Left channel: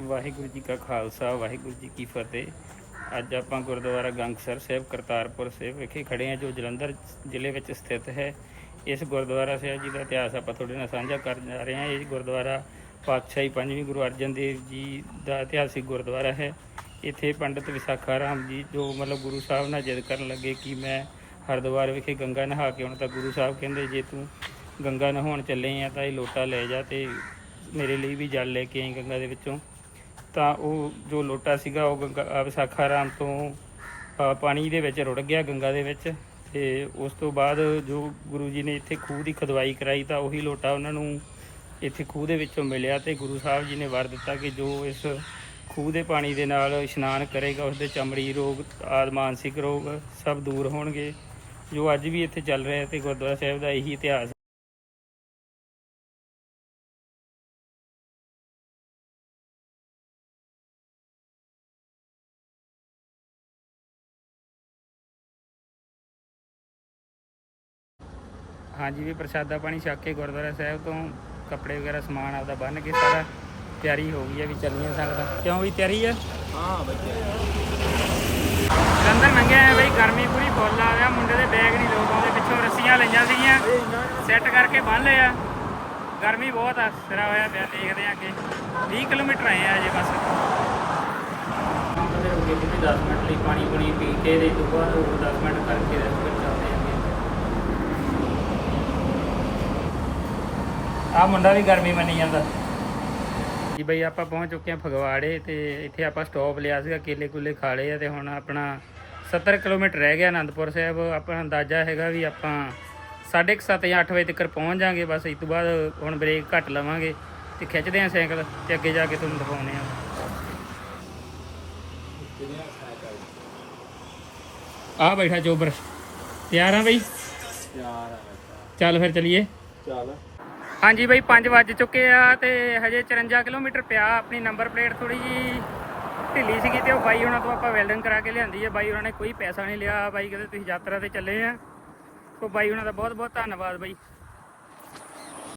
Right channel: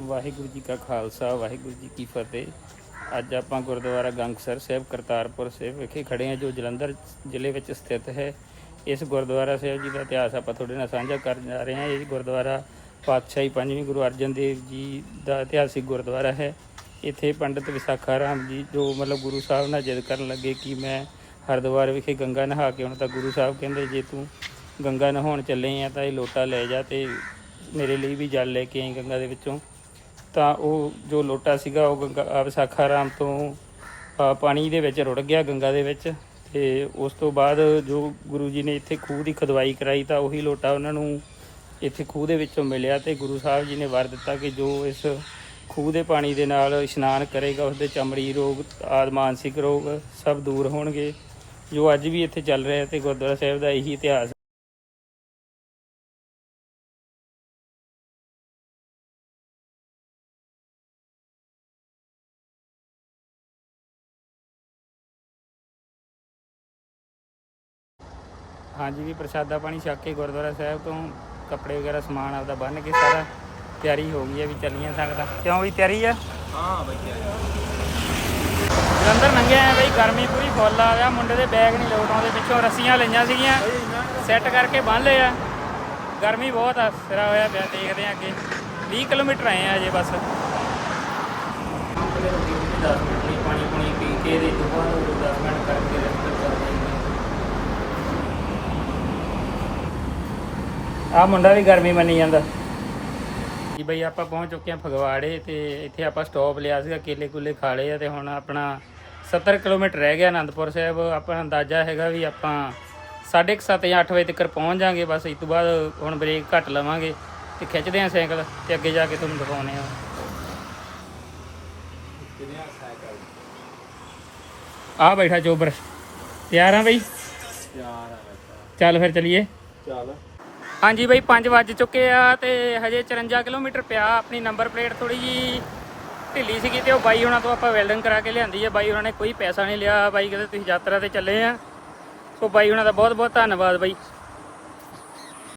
ਵਾਹਿਗੁਰੂ ਜੀ ਕਾ ਖਾਲਸਾ, ਵਾਹਿਗੁਰੂ ਜੀ ਕੀ ਫਤਿਹ। ਅੱਜ ਆਪਾਂ ਗੁਰਦੁਆਰਾ ਗੰਗਸਰ ਸਾਹਿਬ, ਕਰਤਾਰਪੁਰ ਸਾਹਿਬ ਵਿਖੇ ਖੜੇ ਹਾਂ, ਜੋ ਜਲੰਧਰ ਜ਼ਿਲ੍ਹੇ ਵਿੱਚ ਸਥਿਤ ਹੈ। ਇਸ ਗੁਰਦੁਆਰਾ ਸਾਹਿਬ ਜੀ ਦਾ ਇਤਿਹਾਸ ਆਪਾਂ ਤੁਹਾਡੇ ਨਾਲ ਸਾਂਝਾ ਕਰਨ ਜਾ ਰਹੇ ਹਾਂ। ਇਹ ਗੁਰਦੁਆਰਾ ਪਾਤਸ਼ਾਹੀ ਪੰਜਵੀਂ ਗੁਰੂ ਅਰਜਨ ਦੇਵ ਜੀ ਦਾ ਇਤਿਹਾਸਿਕ ਗੁਰਦੁਆਰਾ ਹੈ। ਇੱਥੇ ਪੰਡਿਤ ਵਿਸਾਖਾ ਰਾਮ ਜੀ, ਜੋ ਮਤਲਬ ਗੁਰੂ ਸਾਹਿਬ ਨਾਲ ਜਿੱਦ ਕਰਨ ਲੱਗੇ ਕਿ ਮੈਂ ਹਰਿਦੁਆਰ ਵਿਖੇ ਗੰਗਾ ਨਹਾ ਕੇ ਆਉਣਾ, ਤਾਂ ਗੁਰੂ ਸਾਹਿਬ ਕਹਿੰਦੇ, ਜੇ ਤੂੰ ਗੰਗਾ ਨਹਾਉਣ ਚੱਲੇ ਆ, ਤਾਂ ਇਹ ਲੋਟਾ ਲੈ ਜਾ ਤੇ ਮੇਰੇ ਲਈ ਵੀ ਜਲ ਲੈ ਕੇ ਆਈ ਗੰਗਾ ਦੇ ਵਿੱਚੋਂ। ਤਾਂ ਉਹ ਜੋ ਲੋਟਾ ਸੀਗਾ, ਉਹ ਗੰਗਾ ਆਹ ਵਿਸਾਖਾ ਰਾਮ ਤੋਂ ਪਾਣੀ ਦੇ ਵਿੱਚ ਰੁੜ ਗਿਆ ਗੰਗਾ ਦੇ ਵਿੱਚ ਤੇ ਉਸ ਤੋਂ ਬਾਅਦ ਜੋ ਗੁਰੂ ਜੀ ਨੇ ਇੱਥੇ ਖੂਹ ਦੀ ਖਦਵਾਈ ਕਰਾਈ ਤਾਂ ਉਹੀ ਲੋਟਾ ਉਹਨਾਂ ਨੂੰ ਇੱਥੇ ਖੂਹ ਦੇ ਵਿੱਚੋਂ ਮਿਲਿਆ ਤੇ ਗੁਰੂ ਸਾਹਿਬ ਜੀ ਨੇ ਵਰ ਦਿੱਤਾ ਕਿ ਜੋ ਇਸ ਖੂਹ ਦੇ ਪਾਣੀ ਦੇ ਨਾਲ ਇਸ਼ਨਾਨ ਕਰੇਗਾ ਉਸ ਦੇ ਚਮੜੀ ਰੋਗ, ਆਦਿ ਮਾਨਸਿਕ ਰੋਗ ਸਭ ਦੂਰ ਹੋਣਗੇ। ਜੋ ਅੱਜ ਵੀ ਇੱਥੇ ਚੱਲ ਰਿਹਾ ਤੇ ਗੁਰਦੁਆਰਾ ਸਾਹਿਬ ਦਾ ਇਹੀ ਇਤਿਹਾਸ ਹਾਂਜੀ ਵੀ ਪ੍ਰਸ਼ਾਦਾ ਪਾਣੀ ਛਕ ਕੇ ਗੁਰਦੁਆਰਾ ਸਾਹਿਬ ਤੋਂ ਕੱਪੜੇ ਵਗੈਰਾ ਸਮਾਨ ਆਪਦਾ ਬੰਨ ਕੇ ਸਾਰਾ ਤਿਆਰੀ ਹੋ ਗਈ ਹੈ ਵੀ ਚੱਲੀਆਂ ਸਕਦਾ ਕਿਉਂ ਵੀ ਤਿਆਰੀ ਹੈ ਹਾਂ ਬੱਚੇ ਜਲੰਧਰ ਲੰਘਿਆ ਆ ਬਈ ਗਰਮੀ ਪੂਰੀ ਫੁੱਲ ਆ ਗਿਆ ਮੁੰਡੇ ਦੇ ਬੈਗ ਨਹੀਂ ਲੋਟ ਆਉਂਦੇ ਪਿੱਛੋਂ ਰੱਸੀਆਂ ਲਈਆਂ ਸੀਗੀਆਂ ਸੈੱਟ ਕਰਕੇ ਬੰਨ ਲਏ ਆ ਗਰਮੀ ਬਹੁਤ ਆ ਸਿਰਾ ਹੋਇਆ ਪਿਆ ਦੇਖਦੇ ਆ ਅੱਗੇ। 20 ਕਿਲੋਮੀਟਰ ਆਏ ਆ ਅਜੇ ਬਸ। ਅੰਕਲੇ ਹੋ ਗਏ ਵੀ 10 ਮਿੰਟ ਲਈ ਪਾਣੀ ਪੁਣੀ ਪੀ ਕੇ ਦੇ ਤੋਂ ਬਾਅਦ 10 ਮਿੰਟ ਕਰਕੇ ਦੇ ਫਿਰ ਚੱਲਦੇ ਆ ਆਹ ਮੁੰਡਾ ਵੀ ਗਰਮੀ ਮੰਨੀ ਜਾਂਦਾ। ਜੀ ਬਈ ਆਪਾਂ ਪਹੁੰਚ ਚੁੱਕੇ ਹਾਂ ਫਗਵਾੜੇ ਤੇ ਇੱਥੇ ਆਪਾਂ ਸਟਾਪ ਲਿਆ ਸੀਗਾ ਕੇਲੇ ਕੁਲੇ ਖਾ ਲਏ ਆ ਤੇ ਹੁਣ ਆਪਣਾ 70 ਕਿਲੋਮੀਟਰ ਰਹਿ ਗਿਆ ਆਨੰਦਪੁਰ ਸਾਹਿਬ। ਆਪਾਂ ਅੰਦਾਜ਼ਾ ਹੈਗਾ ਵੀ ਆਪਾਂ 7:30 ਜਾਂ 8 ਵਜੇ ਤੱਕ ਪਹੁੰਚ ਜਾਾਂਗੇ ਬਸ ਇਸ ਤੋਂ ਬਾਅਦ ਹੁਣ ਬ੍ਰੇਕ ਘੱਟ ਲਵਾਂਗੇ ਤੇ ਖਿੱਚਦੇ ਆਂ ਸਾਈਕਲ ਤੇ ਅੱਗੇ ਜਾ ਕੇ ਤੁਹਾਨੂੰ ਦਿਖਾਉਨੇ ਆ ਆ ਬੈਠਾ ਚੋਬਰ ਤਿਆਰ ਆ ਬਈ? ਆ ਚੱਲ ਫਿਰ ਚਲੀਏ। ਚੱਲ। ਹਾਂਜੀ ਬਾਈ 5 ਵੱਜ ਚੁੱਕੇ ਆ ਤੇ ਹਜੇ 54 ਕਿਲੋਮੀਟਰ ਪਿਆ। ਆਪਣੀ ਨੰਬਰ ਪਲੇਟ ਥੋੜੀ ਜੀ ਢਿੱਲੀ ਸੀਗੀ ਤੇ ਉਹ ਬਾਈ ਉਹਨਾਂ ਤੋਂ ਆਪਾਂ ਵੈਲਡਿੰਗ ਕਰਾ ਕੇ ਲਿਆਂਦੀ ਹੈ ਬਾਈ ਉਹਨਾਂ ਨੇ ਕੋਈ ਪੈਸਾ ਨਹੀਂ ਲਿਆ। ਬਾਈ ਕਹਿੰਦੇ ਤੁਸੀਂ ਯਾਤਰਾ ਤੇ ਚੱਲੇ ਆ। ਸੋ ਬਾਈ ਉਹਨਾਂ ਦਾ ਬਹੁਤ ਬਹੁਤ ਧੰਨਵਾਦ ਬਾਈ।